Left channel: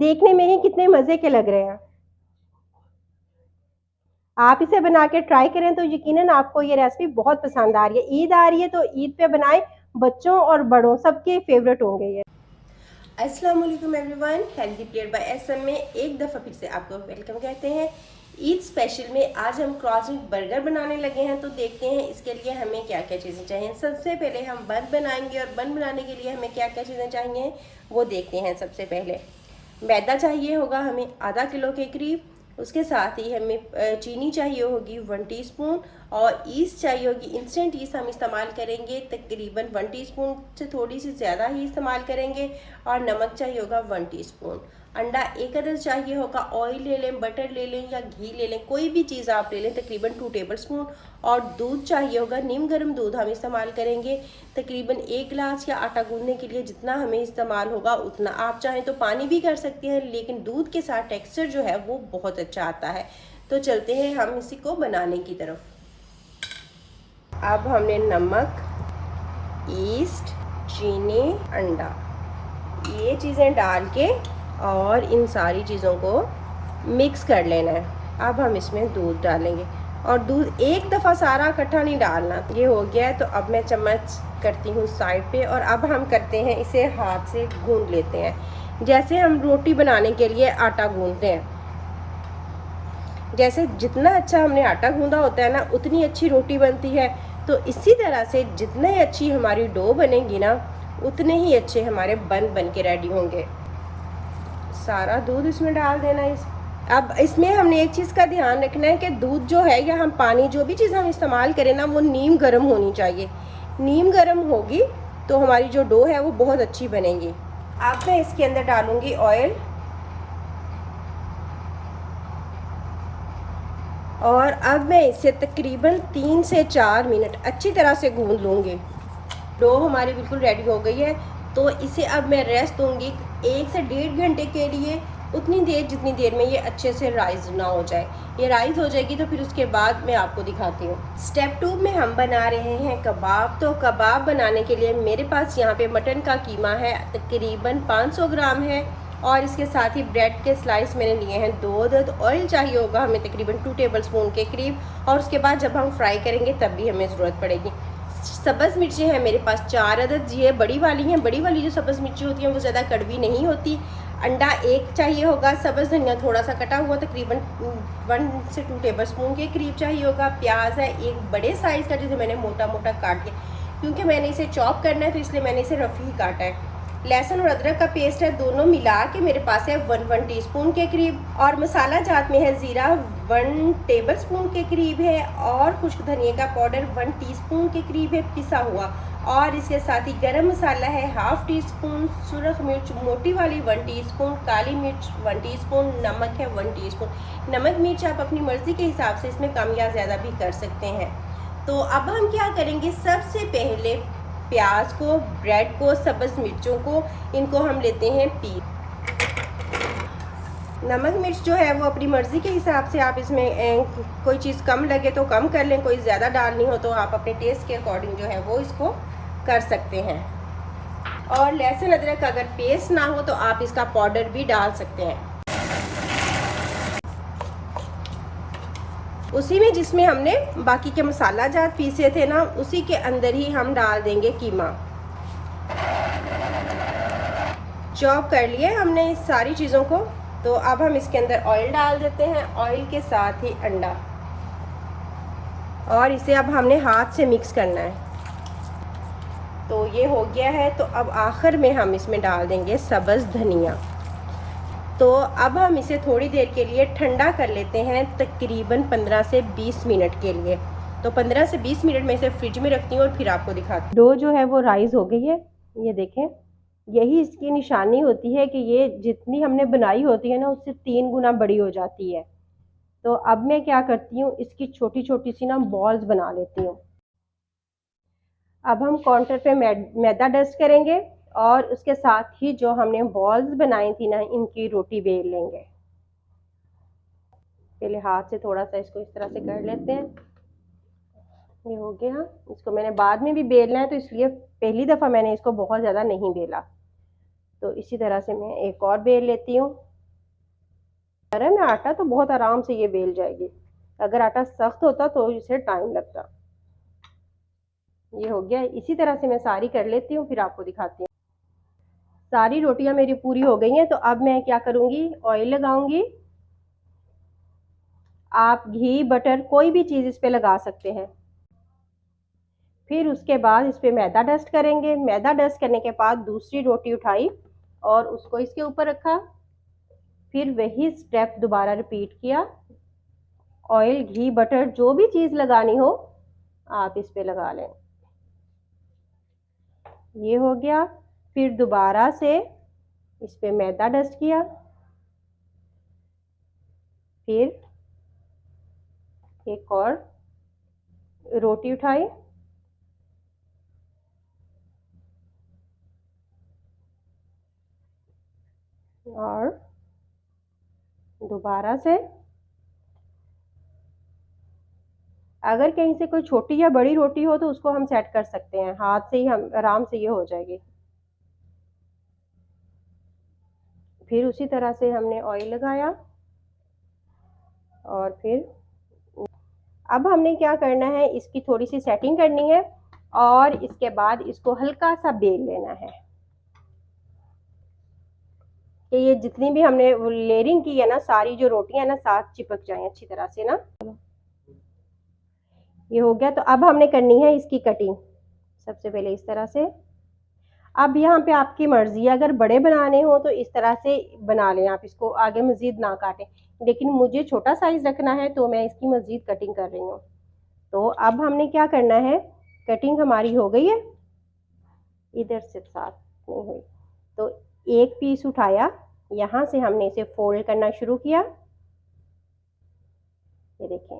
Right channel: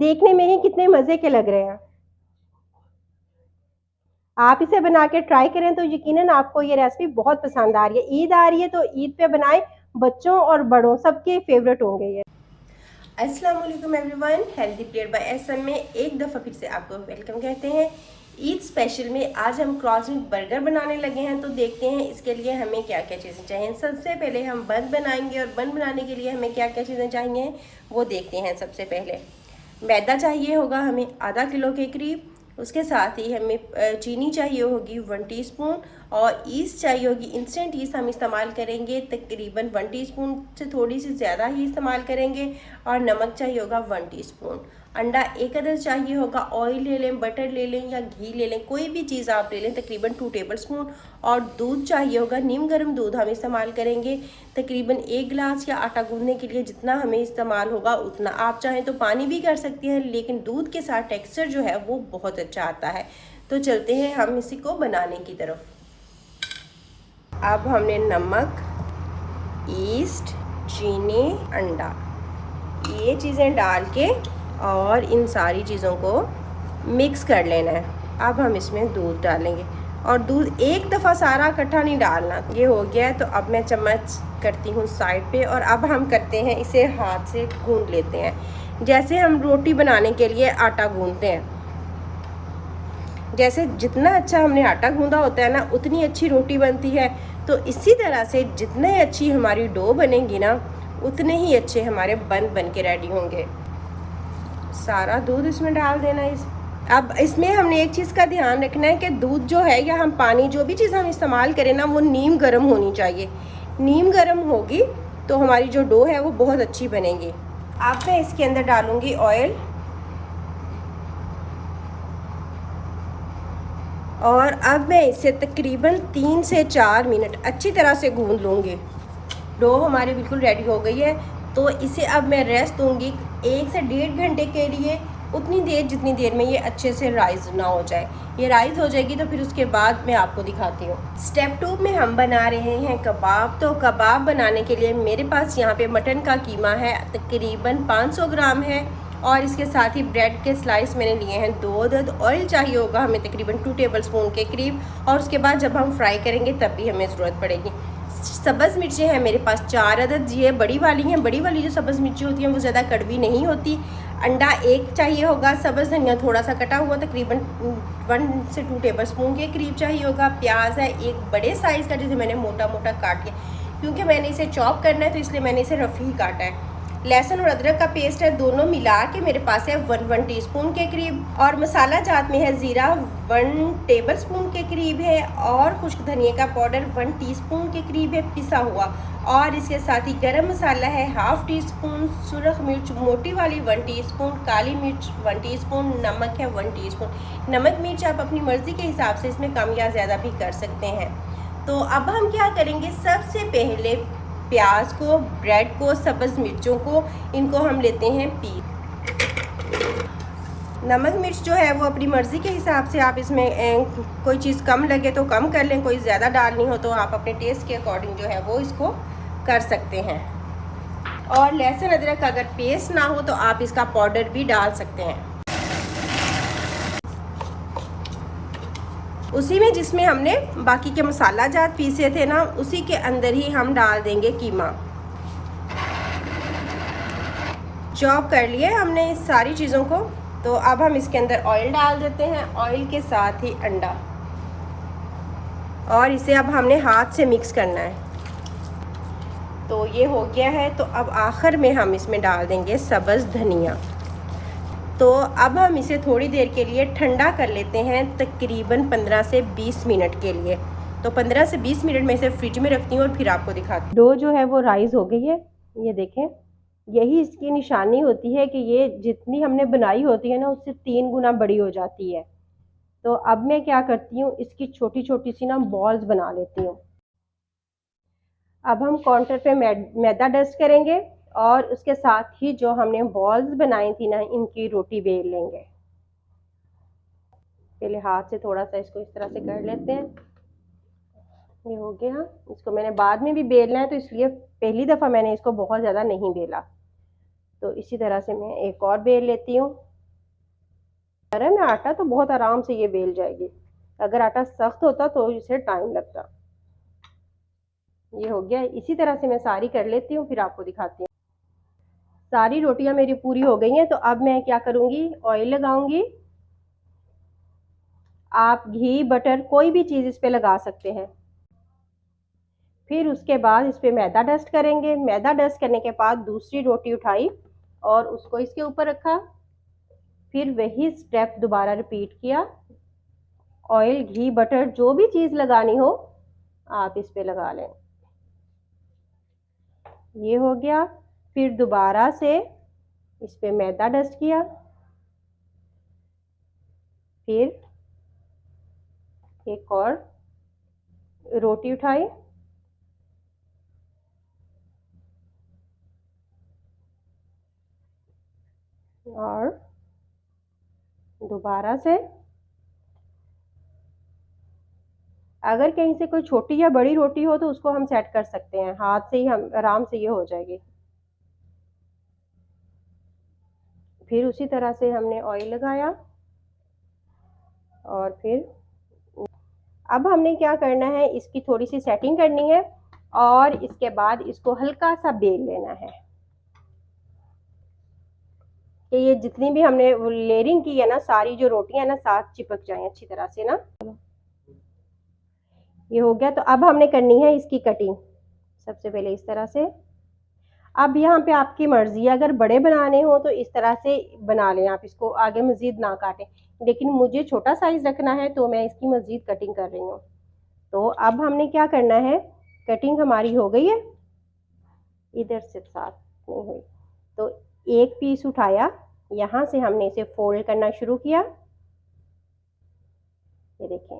देखने में ही कितने मज़े के लग रहे हैं। आप इसे बना के ट्राई करें तो यकीनन आपको ये रेसिपी बहुत पसंद आ रही है। ईद आ रही है तो ईद पे बनाएं, बच्चों और बड़ों सबके फेवरेट होंगे ये। अस्सलाम वालेकुम everyone, healthy plate by SM में एक दफ़ा फिर से आपको वेलकम कहते हैं। ईद स्पेशल में आज हम क्रॉसविक बर्गर बनाने लगे हैं, तो देखते हैं इसके लिए हमें क्या क्या चीज़ें चाहिए। सबसे पहले हम बन बनाएंगे और बन बनाने के लिए हमें क्या क्या चीज़ें चाहिए वो देखते हैं। सबसे पहले मैदा चाहिए होगा हमें आधा किलो के करीब। उसके साथ ही हमें चीनी चाहिए होगी 1 टीस्पून और ईस्ट चाहिए होगी। इंस्टेंट ईस्ट हम इस्तेमाल करेंगे तकरीबन 1 टीस्पून से थोड़ी सी ज़्यादा ही इस्तेमाल करेंगे। और नमक चाहिए होगा 1 टीस्पून। अंडा एक अदर चाहिए होगा। ऑयल ले लें, बटर ले लें या घी ले लें, कोई भी चीज़ आप ले लें, तकरीबन 2 टेबलस्पून। और दूध चाहिए होगा, नीम गर्म दूध हम इस्तेमाल करेंगे तकरीबन 1 गिलास, या आटा गूंदने के लिए जितना हमें इस्तेमाल होगा उतना। आप चाहें तो पानी भी कर सकते हैं, लेकिन दूध के साथ टेक्सचर जो है वो बहुत अच्छा आता है। तो चलते हैं हम इसी को बनाने की तरफ। अब हमने नमक, ईस्ट, चीनी, अंडा, ये चीज़ें डाल के और इन सारी चीज़ों को मिक्स कर लेना है। अब हम इसमें दूध डालेंगे और दूध एक दफ़ा सारा इकट्ठा नहीं डालना। ये हो गया है तो अब मैं चम्मच करती हूँ साइड पे और अब हम करते हैं इसे हाथ से गूंद लेते हैं, जैसे हम रोटी बनाने के लिए आटा गूंदते हैं। जैसे जितना अच्छा हमने आटा गूंदा होता है ना, उतनी अच्छी रोटी बनती है। तो इसी तरह से जितने अच्छी हमारी डो बनेगी ना, उतने ही अच्छे हमारे बन के रेडी होंगे। सारा दूध इसमें डाल देना है। अब इसमें हमने एक चीज़ का ध्यान रखना है कि दूध जो है या हम पानी जो भी चीज़ हम इस्तेमाल करें ना, वो नीम गर्म होनी चाहिए। नीम गर्म होगी तो हमारी जो डो है वो बहुत अच्छी बनेगी। अब मैं इसके अंदर डालूंगी ऑयल और अब मैं इसे तकरीबन 3 से 4 मिनट अच्छी तरह से गूंद लूँगी। डो हमारी बिल्कुल रेडी हो गई है, तो इसे अब मैं रेस्ट दूंगी 1 से 1.5 घंटे के लिए, उतनी देर जितनी देर में ये अच्छे से राइस ना हो जाए। ये राइस हो जाएगी तो फिर उसके बाद मैं आपको दिखाती हूँ। स्टेप 2 में हम बना रहे हैं कबाब। तो कबाब बनाने के लिए मेरे पास यहाँ पे मटन का कीमा है, तकरीबन 500 ग्राम है और इसके साथ ही ब्रेड के स्लाइस मैंने लिए हैं 2 अदद। ऑयल चाहिए होगा हमें तकरीबन 2 टेबलस्पून के करीब, और उसके बाद जब हम फ्राई करेंगे तब भी हमें ज़रूरत पड़ेगी। सब्ज़ मिर्चें हैं मेरे पास 4 अदद, ये बड़ी वाली हैं। बड़ी वाली जो सब्ज़ मिर्ची होती हैं वो ज़्यादा कड़वी नहीं होती। अंडा एक चाहिए होगा। सब्ज़ धनिया थोड़ा सा कटा हुआ तकरीबन 1 से 2 टेबलस्पून के करीब चाहिए होगा। प्याज है एक बड़े साइज़ का, जिसे मैंने मोटा मोटा काट के, क्योंकि मैंने इसे चॉप करना है तो इसलिए मैंने इसे रफ़ ही काटा है। लहसुन और अदरक का पेस्ट है, दोनों मिला के मेरे पास है 1 टीस्पून के करीब। और मसाला जात में है ज़ीरा 1 टेबलस्पून के करीब है, और खुश्क धनिया का पाउडर 1 टीस्पून के करीब है पिसा हुआ। और इसके साथ ही गरम मसाला है 1/2 टीस्पून, सुरख मिर्च मोटी वाली 1 टीस्पून, काली मिर्च 1 टीस्पून, नमक है 1 टीस्पून। नमक मिर्च आप अपनी मर्ज़ी के हिसाब से इसमें कम या ज़्यादा भी कर सकते हैं। तो अब हम क्या करेंगे, सबसे पहले प्याज को, ब्रेड को, सब्ज़ मिर्चों को, इनको हम लेते हैं पीस। नमक मिर्च जो है वो अपनी मर्ज़ी के हिसाब से आप इसमें कोई चीज़ कम लगे तो कम कर लें, कोई ज़्यादा डालनी हो तो आप अपने टेस्ट के अकॉर्डिंग जो है वो इसको कर सकते हैं। और लहसुन अदरक का अगर पेस्ट ना हो तो आप इसका पाउडर भी डाल सकते हैं। उसी में जिसमें हमने बाकी के मसाला जात पीसे थे ना, उसी के अंदर ही हम डाल देंगे कीमा। चॉप कर लिए हमने इस सारी चीज़ों को, तो अब हम इसके अंदर ऑयल डाल देते हैं, ऑयल के साथ ही अंडा, और इसे अब हमने हाथ से मिक्स करना है। तो ये हो गया है, तो अब आखिर में हम इसमें डाल देंगे सब्ज़ धनिया। तो अब हम इसे थोड़ी देर के लिए ठंडा कर लेते हैं, तकरीबन 15 से 20 मिनट के लिए। तो 15 से 20 मिनट में इसे फ्रिज में रखती हूँ और फिर आपको दिखाती हूँ। डो जो है वो राइस हो गई है, ये देखें। यही इसकी निशानी होती है कि ये जितनी हमने बनाई होती है ना, उससे 3 गुना बड़ी हो जाती है। तो अब मैं क्या करती हूँ, इसकी छोटी छोटी सी ना बॉल्स बना लेती हूँ। अब हम काउंटर पे मैदा डस्ट करेंगे और उसके साथ ही जो हमने बॉल्स बनाई थी ना, इनकी रोटी बेल लेंगे। पहले हाथ से थोड़ा सा इसको इस तरह से कर लेते हैं। ये हो गया। इसको मैंने बाद में भी बेलना है, तो इसलिए पहली दफ़ा मैंने इसको बहुत ज़्यादा नहीं बेला। तो इसी तरह से मैं एक और बेल लेती हूँ। नरम है आटा तो बहुत आराम से ये बेल जाएगी। अगर आटा सख्त होता तो इसे टाइम लगता। ये हो गया। इसी तरह से मैं सारी कर लेती हूँ, फिर आपको दिखाती हूँ। सारी रोटियां मेरी पूरी हो गई हैं, तो अब मैं क्या करूंगी, ऑयल लगाऊंगी। आप घी बटर कोई भी चीज़ इस पे लगा सकते हैं। फिर उसके बाद इस पे मैदा डस्ट करेंगे। मैदा डस्ट करने के बाद दूसरी रोटी उठाई और उसको इसके ऊपर रखा। फिर वही स्टेप दोबारा रिपीट किया। ऑयल घी बटर जो भी चीज़ लगानी हो आप इस पे लगा लें। ये हो गया। फिर दोबारा से इस पे मैदा डस्ट किया। फिर एक और रोटी उठाई और दोबारा से, अगर कहीं से कोई छोटी या बड़ी रोटी हो तो उसको हम सेट कर सकते हैं, हाथ से ही हम आराम से ये हो जाएगी। फिर उसी तरह से हमने ऑयल लगाया और फिर अब हमने क्या करना है, इसकी थोड़ी सी सेटिंग करनी है और इसके बाद इसको हल्का सा बेल लेना है कि ये जितनी भी हमने लेयरिंग की है ना, सारी जो रोटियां ना साथ चिपक जाएं अच्छी तरह से ना। ये हो गया। तो अब हमने करनी है इसकी कटिंग। सबसे पहले इस तरह से। अब यहाँ पे आपकी मर्जी है, अगर बड़े बनाने हो तो इस तरह से बना लें, आप इसको आगे मजीद ना काटें। लेकिन मुझे छोटा साइज रखना है तो मैं इसकी मजीद कटिंग कर रही हूँ। तो अब हमने क्या करना है, कटिंग हमारी हो गई है, इधर से साथ नहीं हुई, तो एक पीस उठाया, यहाँ से हमने इसे फोल्ड करना शुरू किया। ये देखें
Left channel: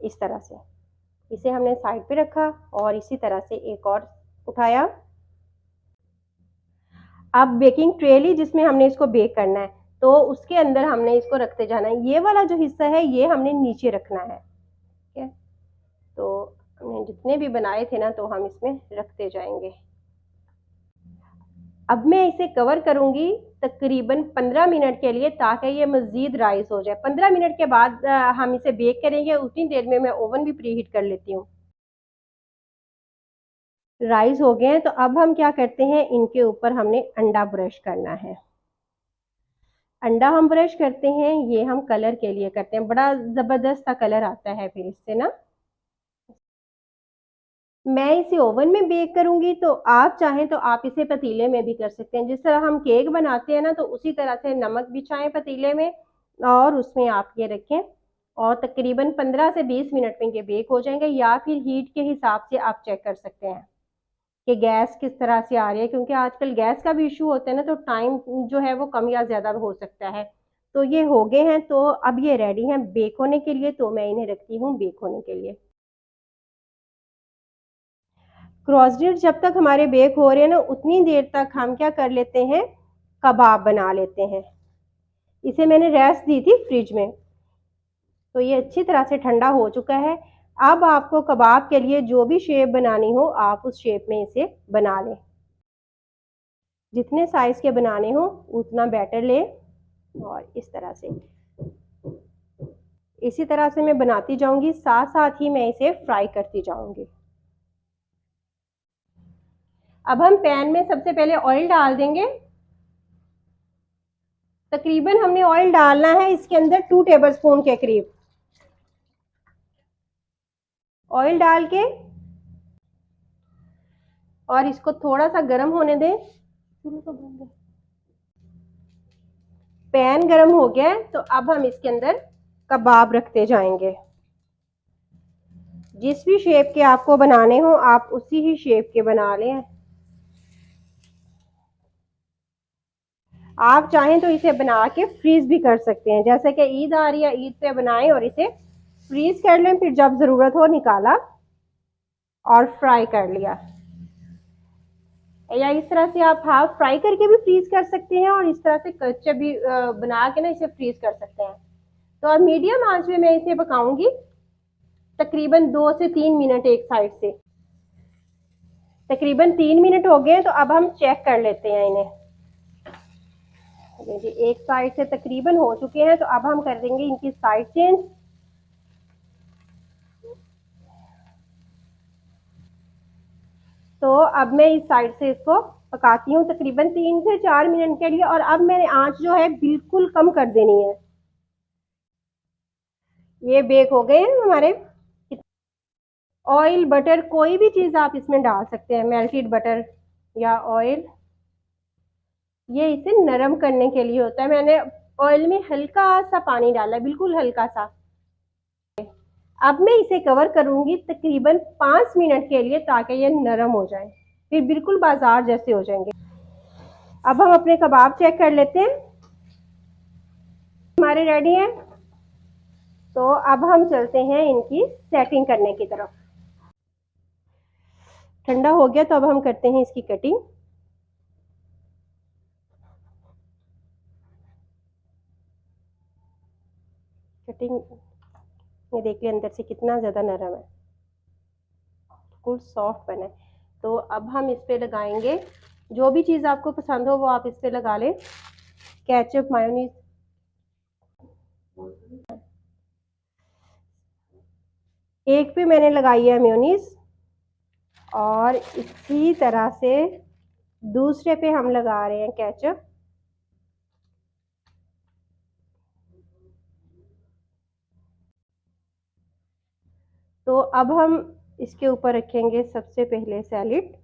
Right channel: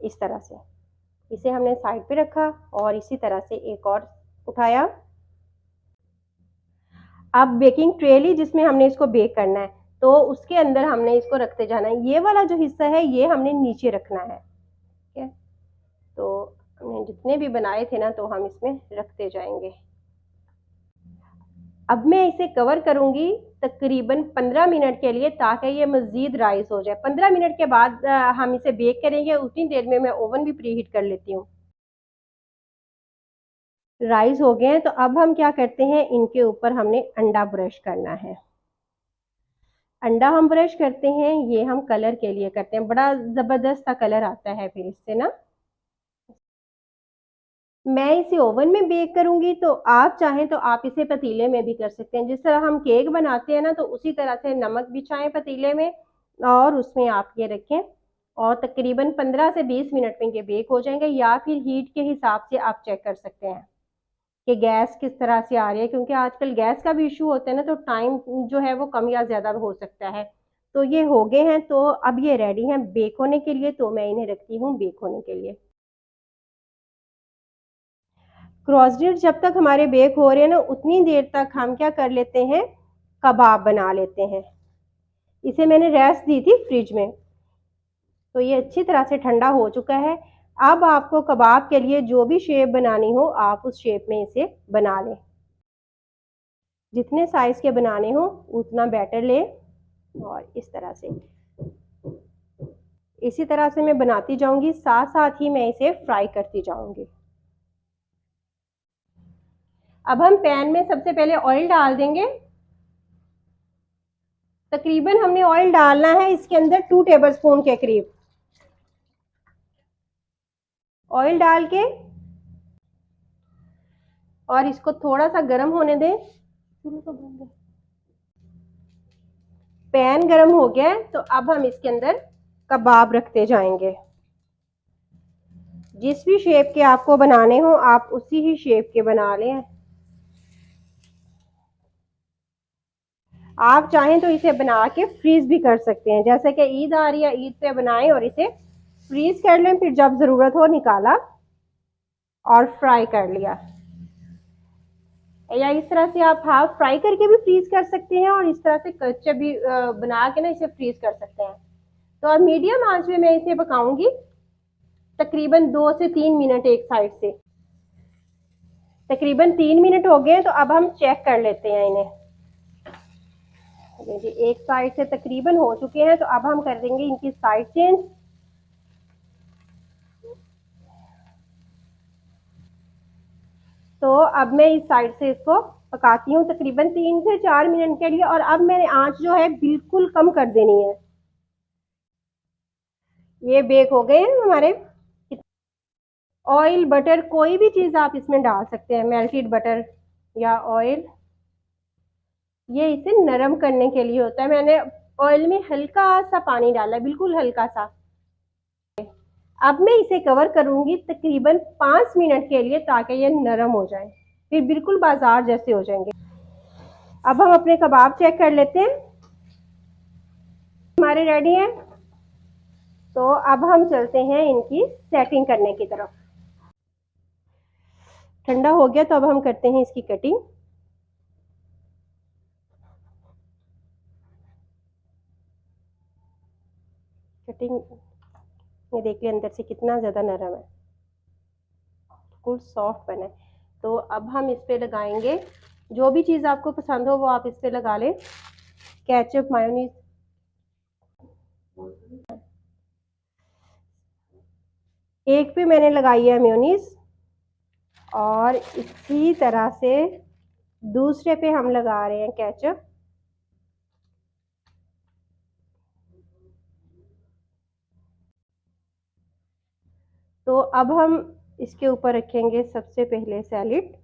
इस तरह से, इसे हमने साइड पे रखा और इसी तरह से एक और उठाया। अब बेकिंग ट्रे ली जिसमें हमने इसको बेक करना है, तो उसके अंदर हमने इसको रखते जाना है। ये वाला जो हिस्सा है ये हमने नीचे रखना है, ठीक है। तो हमने जितने भी बनाए थे ना तो हम इसमें रखते जाएंगे। अब मैं इसे कवर करूंगी तकरीबन 15 मिनट के लिए, ताकि ये मजीद राइस हो जाए। 15 मिनट के बाद हम इसे बेक करेंगे। उतनी देर में मैं ओवन भी प्री हीट कर लेती हूँ। राइस हो गए हैं, तो अब हम क्या करते हैं, इनके ऊपर हमने अंडा ब्रश करना है। अंडा हम ब्रश करते हैं, ये हम कलर के लिए करते हैं, बड़ा जबरदस्त सा कलर आता है फिर इससे ना। मैं इसे ओवन में बेक करूंगी, तो आप चाहें तो आप इसे पतीले में भी कर सकते हैं। जिस तरह हम केक बनाते हैं ना, तो उसी तरह से नमक बिछाएं पतीले में और उसमें आप ये रखें और तकरीबन 15 से 20 मिनट में ये बेक हो जाएंगे। या फिर हीट के हिसाब से आप चेक कर सकते हैं कि गैस किस तरह से आ रही है, क्योंकि आजकल गैस का भी इशू होता है ना, तो टाइम जो है वो कम या ज़्यादा हो सकता है। तो ये हो गए हैं, तो अब ये रेडी हैं बेक होने के लिए, तो मैं इन्हें रखती हूँ बेक होने के लिए। क्रॉसडिट जब तक हमारे बेक हो रहे हैं ना, उतनी देर तक हम क्या कर लेते हैं, कबाब बना लेते हैं। इसे मैंने रेस्ट दी थी फ्रिज में, तो ये अच्छी तरह से ठंडा हो चुका है। अब आपको कबाब के लिए जो भी शेप बनानी हो आप उस शेप में इसे बना लें। जितने साइज के बनाने हो उतना बैटर ले और इस तरह से, इसी तरह से मैं बनाती जाऊंगी, साथ साथ ही मैं इसे फ्राई करती जाऊंगी। अब हम पैन में सबसे पहले ऑयल डाल देंगे। तकरीबन हमने ऑयल डालना है इसके अंदर 2 टेबलस्पून के करीब। ऑयल डाल के और इसको थोड़ा सा गर्म होने दें। पैन गर्म हो गया है, तो अब हम इसके अंदर कबाब रखते जाएंगे। जिस भी शेप के आपको बनाने हो आप उसी ही शेप के बना लें। आप चाहें तो इसे बना के फ्रीज भी कर सकते हैं, जैसे कि ईद आ रही है, ईद पे बनाएं और इसे फ्रीज कर लें, फिर जब जरूरत हो निकाला और फ्राई कर लिया। या इस तरह से आप हाफ फ्राई करके भी फ्रीज कर सकते हैं और इस तरह से कच्चे भी बना के ना इसे फ्रीज कर सकते हैं। तो अब मीडियम आंच में मैं इसे पकाऊंगी तकरीबन 2 से 3 मिनट एक साइड से। तकरीबन 3 मिनट हो गए, तो अब हम चेक कर लेते हैं इन्हें। ये जी एक साइड से तकरीबन हो चुके हैं, तो अब हम कर देंगे इनकी साइड चेंज। तो अब मैं इस साइड से इसको पकाती हूँ तकरीबन 3 से 4 मिनट के लिए, और अब मैंने आंच जो है बिल्कुल कम कर देनी है। ये बेक हो गए हैं हमारे। ऑयल बटर कोई भी चीज़ आप इसमें डाल सकते हैं, मेल्टेड बटर या ऑयल, ये इसे नरम करने के लिए होता है। मैंने ऑयल में हल्का सा पानी डाला है, बिल्कुल हल्का सा। अब मैं इसे कवर करूंगी तकरीबन 5 मिनट के लिए, ताकि ये नरम हो जाए, फिर बिल्कुल बाजार जैसे हो जाएंगे। अब हम अपने कबाब चेक कर लेते हैं, हमारे रेडी हैं। तो अब हम चलते हैं इनकी सेटिंग करने की तरफ। ठंडा हो गया तो अब हम करते हैं इसकी कटिंग। कटिंग ये देखिए अंदर से कितना ज़्यादा नरम है, बिल्कुल सॉफ्ट बना है। तो अब हम इस पे लगाएंगे जो भी चीज़ आपको पसंद हो वो आप इस पे लगा लें, केचप, मायोनीज। एक पे मैंने लगाई है मेयोनीज, और इसी तरह से दूसरे पे हम लगा रहे हैं केचप। तो अब हम इसके ऊपर रखेंगे सबसे पहले सैलेड।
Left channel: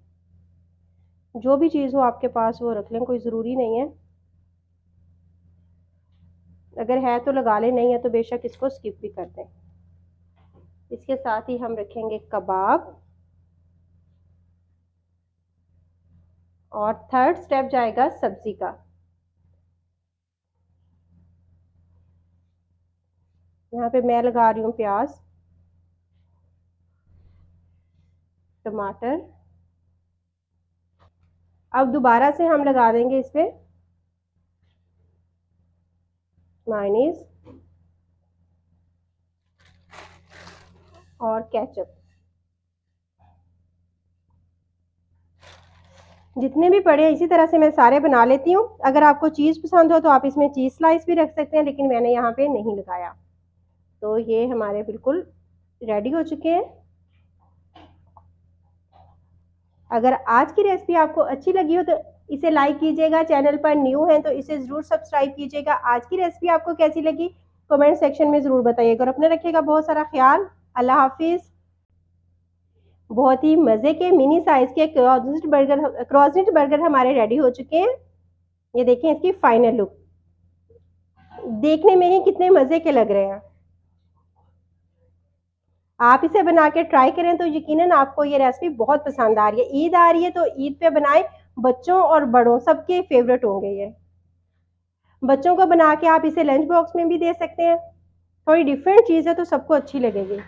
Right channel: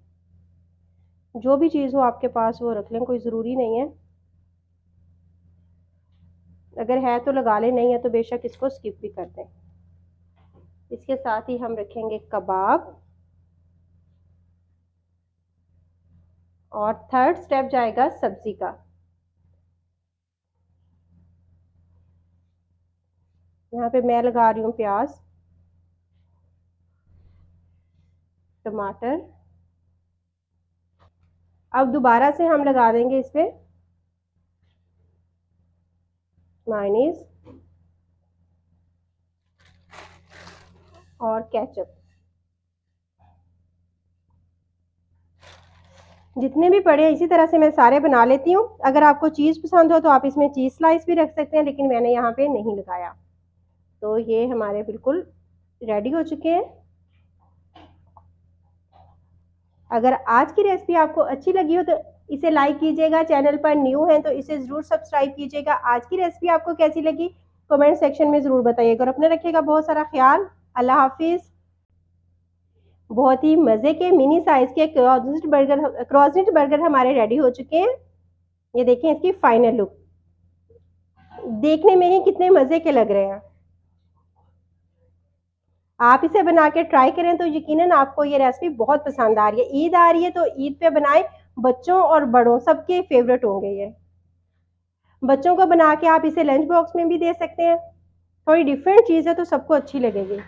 जो भी चीज़ हो आपके पास वो रख लें, कोई ज़रूरी नहीं है, अगर है तो लगा लें, नहीं है तो बेशक इसको स्किप भी कर दें। इसके साथ ही हम रखेंगे कबाब, और थर्ड स्टेप जाएगा सब्जी का। यहाँ पे मैं लगा रही हूँ प्याज, टमाटर। अब दोबारा से हम लगा देंगे इस पे मायोनीज और केचप। जितने भी पड़े हैं इसी तरह से मैं सारे बना लेती हूँ। अगर आपको चीज़ पसंद हो तो आप इसमें चीज़ स्लाइस भी रख सकते हैं, लेकिन मैंने यहाँ पे नहीं लगाया। तो ये हमारे बिल्कुल रेडी हो चुके हैं। अगर आज की रेसिपी आपको अच्छी लगी हो तो इसे लाइक कीजिएगा, चैनल पर न्यू हैं तो इसे ज़रूर सब्सक्राइब कीजिएगा। आज की रेसिपी आपको कैसी लगी कमेंट सेक्शन में ज़रूर बताइएगा, और अपने रखिएगा बहुत सारा ख्याल। अल्लाह हाफिज़। बहुत ही मज़े के मिनी साइज़ के क्रॉसनेट बर्गर हमारे रेडी हो चुके हैं। ये देखें इसकी फाइनल लुक, देखने में ही कितने मज़े के लग रहे हैं। आप इसे बना के ट्राई करें तो यकीनन आपको ये रेसिपी बहुत पसंद आ रही है। ईद आ रही है तो ईद पे बनाएं, बच्चों और बड़ों सबके फेवरेट होंगे ये। बच्चों को बना के आप इसे लंच बॉक्स में भी दे सकते हैं, थोड़ी डिफरेंट चीज़ है तो सबको अच्छी लगेगी।